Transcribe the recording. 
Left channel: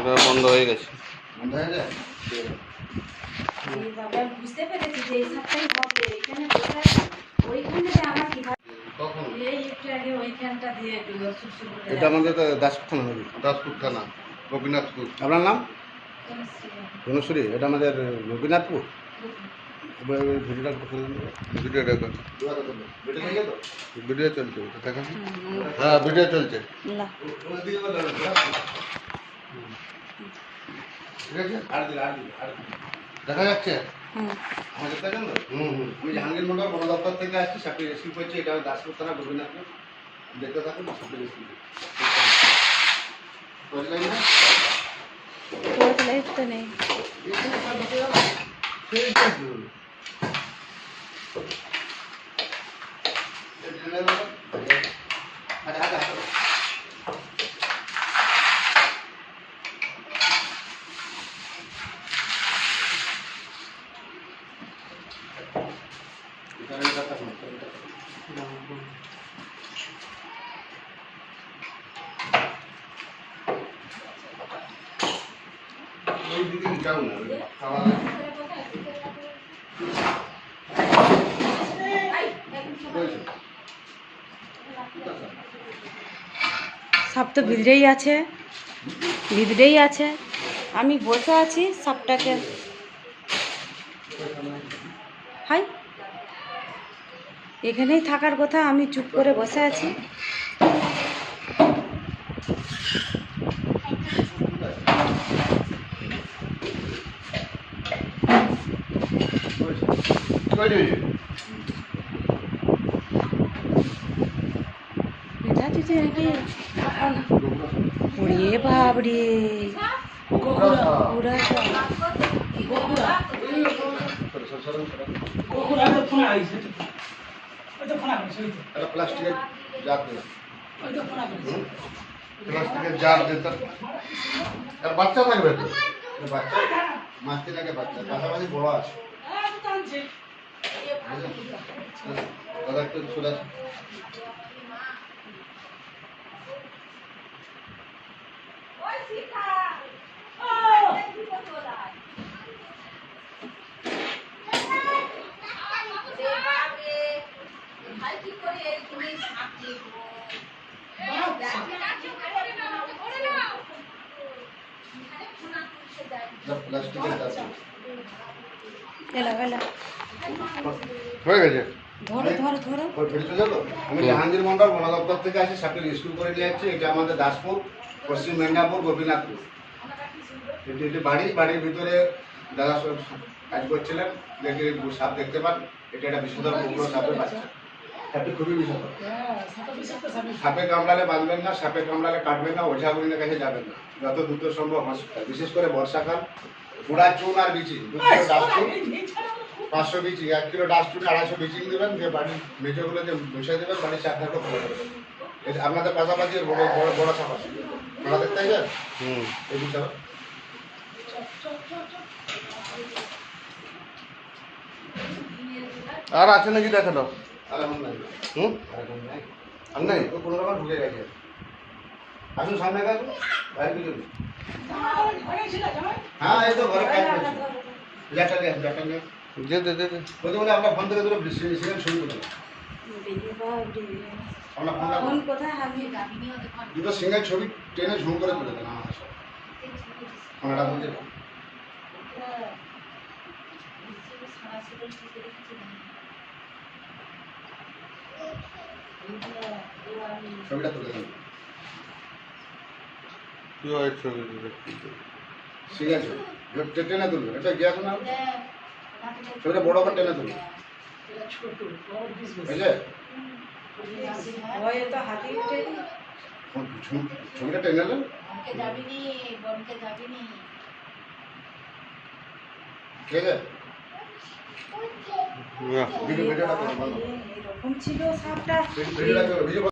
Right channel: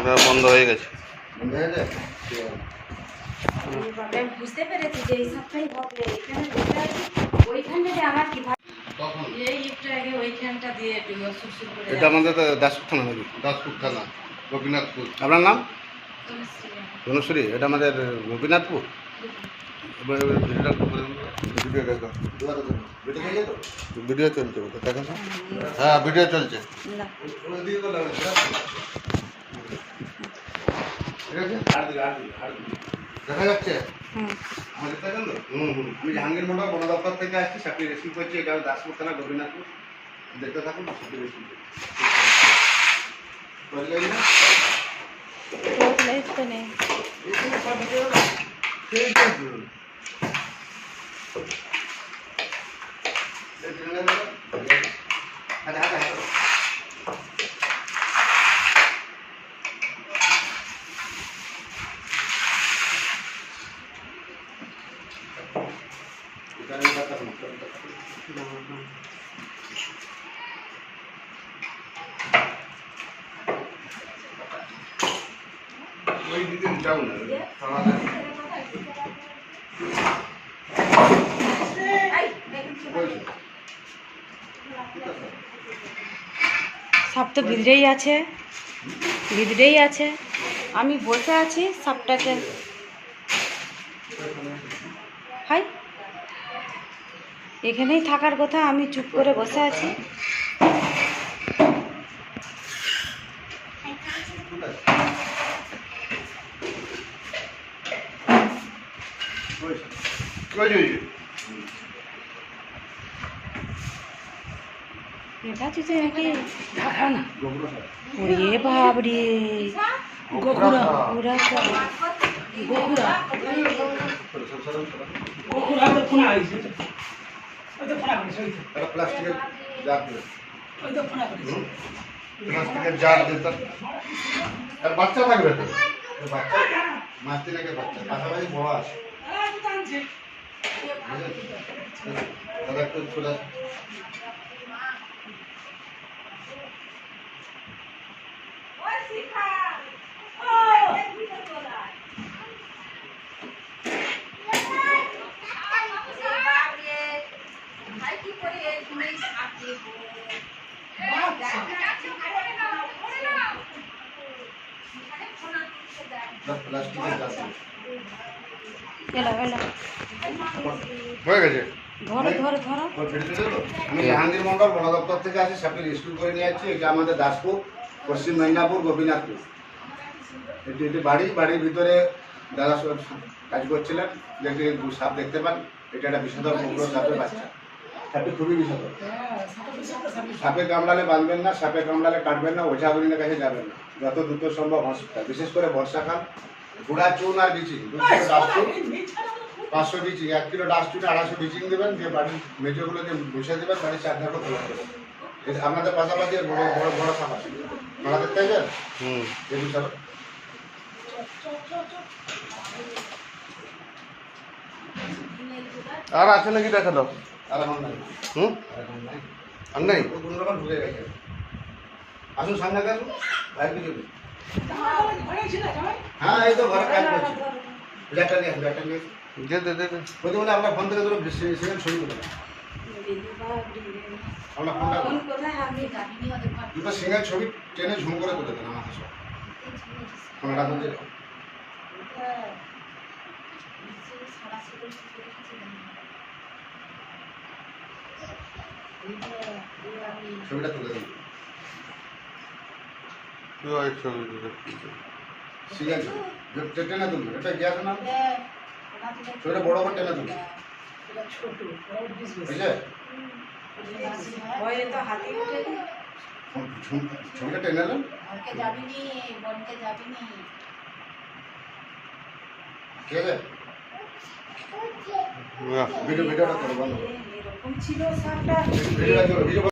ওটা বন্ধ হয়ে গেছে। বন্ধ হয়ে বুঝতে পেরেছি যে এই সপ্তাহে হবে এখানে যেটা আমার এটা আমাদের দাসপুর থানা দাসপুর থানা গোপীনাথপুর। আপনার নাম। ধনুশ্রী। এটা আমাদের গোপীনাথপুর? গেছে তো? ভিডিও চলছে দেখেন। তো। হ্যাঁ। ভিডিও চলছে। দেখা যাচ্ছে? আমাদের দেখেন তো আমি জাহাঙ্গীর মন্ডল বন দপ্তর থেকে আসছি সাপে রেসিভ করছি এটা দাসপুর থানা গোপীনাথপুর। দেখতে থাকুন রেসিভ তো নেই ঠিক আছে আচ্ছা আচ্ছা আচ্ছা এখানে কথা শুনুন ওই সাপ তো ভিতরেই আছে। ভিতরেই আছে। আমি বসে আছি সাপটাকে। হাই। এখানেই থাকার কথা, আমি চুপ করে বসে আছি এটা দিদি নাকি ওরে বাবরে ওরা সব প্লাস্টিকের জার দিলাম প্লাস্টিকের জার দিতাম আর বাচ্চা থাকবে তো? বাচ্চা মাস তিন আগে বাচ্চা। পাশাপাশি বড় আছে? দাদা একটু চলে। প্লাস্টিকের দিলাম। এলো এলো। হয়ে গেছে? ধরো ধরো ধরো। ওই ফেলতে দেবো? আমি জাহাঙ্গীর মন্ডল বন দপ্তর থেকে আসি করে নিয়ে যাচ্ছি। এটা আমাদের দাসপুর পশ্চিম মেদিনীপুর গোপীনাথপুর। এটি একটি বাড়ি বাড়ির ভিতরে দাদা কাজ করছিলেন। দেখে সাপ দেখতে পান। এটা একটা বিষধর কুকুর সাপের বাচ্চা। সাপটি খুবই বিষধর। সাপে কামড়ালে বাঁধবেন না সাপে কামড়ালে কাটবেন না ওঝা গুলিনের কাছে যাবেন না। যত দ্রুত সম্ভব হসপিটাল বিশেষ করে বর্ষাকাল। গুড়া চুন আর বিচি দু কিলো ডাস্টুন। পাঁচশো বিচি এক কিলো ডাস্টুনে আড়াইশো বিচিং দেবেন দিয়ে বাড়ির মেজোগুলোকে মুছে দেবেন বাড়ির চার ধারে তুলে দেবেন। আপনাদের পাশাপাশি বড় বড় বড় সাপ আছে। দেখতে চাইছেন হুম। এই বিচার আর আছে নাকি দেখা দাও আর আমার নাই। হুম? আর নাই। আর নাই ও কোনো রকম ঢুকে গেছে। আসুন সামনে আসুন। বাইরে পিছনে হ্যাঁ এই তো ঘরে কাজ করছি। জ্যাকটা নিয়ে আসুন নিয়ে দে দে দে। বলতে মানে আপনার ফোন থেকে দুটো সিঙ্গেল ছবি তুলে নেন। আপনার ফোনটা কোন কোথায় আমি দুটো সিঙ্গেল ছবি টেনে ঝুম করে তুলে দেন আমার কাছে ফোনটা বলতে ছবিটা তুলে দেন। কি হয় ছবি দিতে? সিঙ্গেল ছবি টেনে তুলবেন এটা গ্যাস না? ছবিটা বড় করে টেনে তুলবেন বুঝলে? ভয়ে তো হাতে উঠে ঝুম- ছবিটা টেনে নেন যাবিনি বনকে যাবিনি ঠিক আছে? ভিডিও ভিডিওটা ভিডিওটা ভিডিও